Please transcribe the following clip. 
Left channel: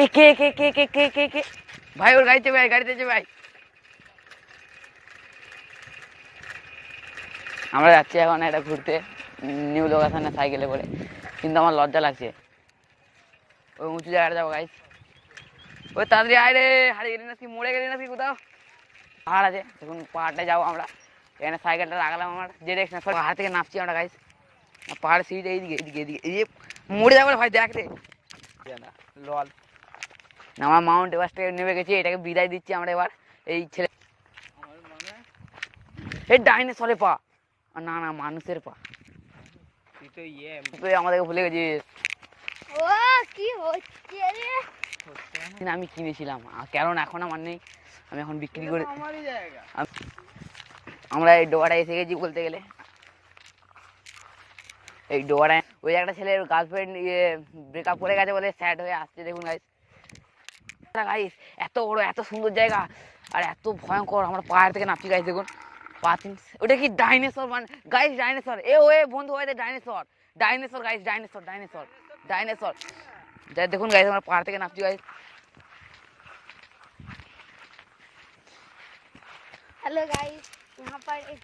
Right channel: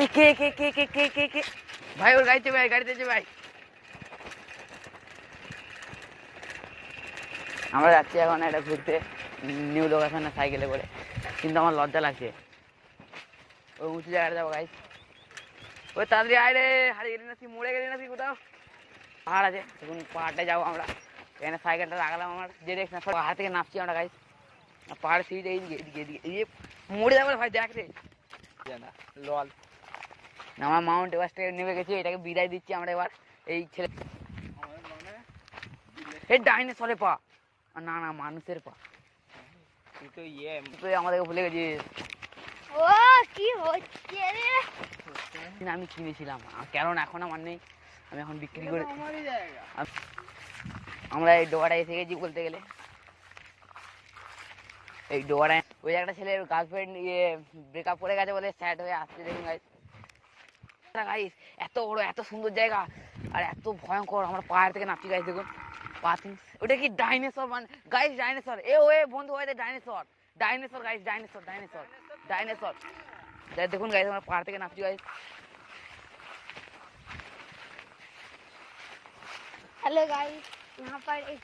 এ কে কে কে কে কে কে কে ভাই, ওর গাড়িতে ভাই, গাড়িতে ভাই। আমরা যাচ্ছি এখন একটা ঘুরতে নিউ লোকেশনে সাইকেলে করে, কিন্তু আমার লজ্জা লাগছে। ওই উঁচু জায়গাটা যাবো গাইস। ওই তাড়াতাড়ি আয় রে, হারিয়ে গেলি নাকি, মরে গেলি নাকি কোথাও? পাহাড় আছে, তখন পাহাড়টায় যাবো আমরা। এখানে সাইকেলটা রাখলাম আমার ডিরেকশন, সব পাহাড় থেকে নামছি আমরা গাইস। পাহাড় সিঁড়ি এইদিকে এদিকে এদিকে এই মরে যাবো ভাই, দেখ রে লল। আমার মাউন্ট এভারেস্ট থেকে নেমে গেছি, এটাকে বিদায় দিচ্ছি আমরা এবার। এই ছেলে এই ডাইনোসরের পা, না না মানুষের পা। তুই আমাদেরকে ভুলে গেছিস। ও কি হচ্ছে রে? আমি কিনেছিলাম, কারণ এখন আমার নেই, আমি এখন বিক্রি করে। আমরা এই ডোবাটায় এসে গেছি বলতে গেলে। এই ডোবাটায় ওই একটা ছেলের গার্লফ্রেন্ড ব্রেকআপ করে গেছে বলে স্যাড হয়ে আসছে, দেখুন গাইস। গাইস এত বড় এত সুন্দর জায়গা আর এত ভয়ঙ্কর, আমরা পাহাড় থেকে নামছি গাইস, দেখুন পাথিং। ওটা কি ডাইনোসর মানে গাইস, ডাইনোসর। এ ওয়ে বন্ধু হয় dinosaur, dinosaur guys, dinosaur dinosaur dinosaur. যাই দেখুন গাইস, আমরা পাহাড় থেকে নামছি গাইস। हेलो गाइस, यहाँ पर एक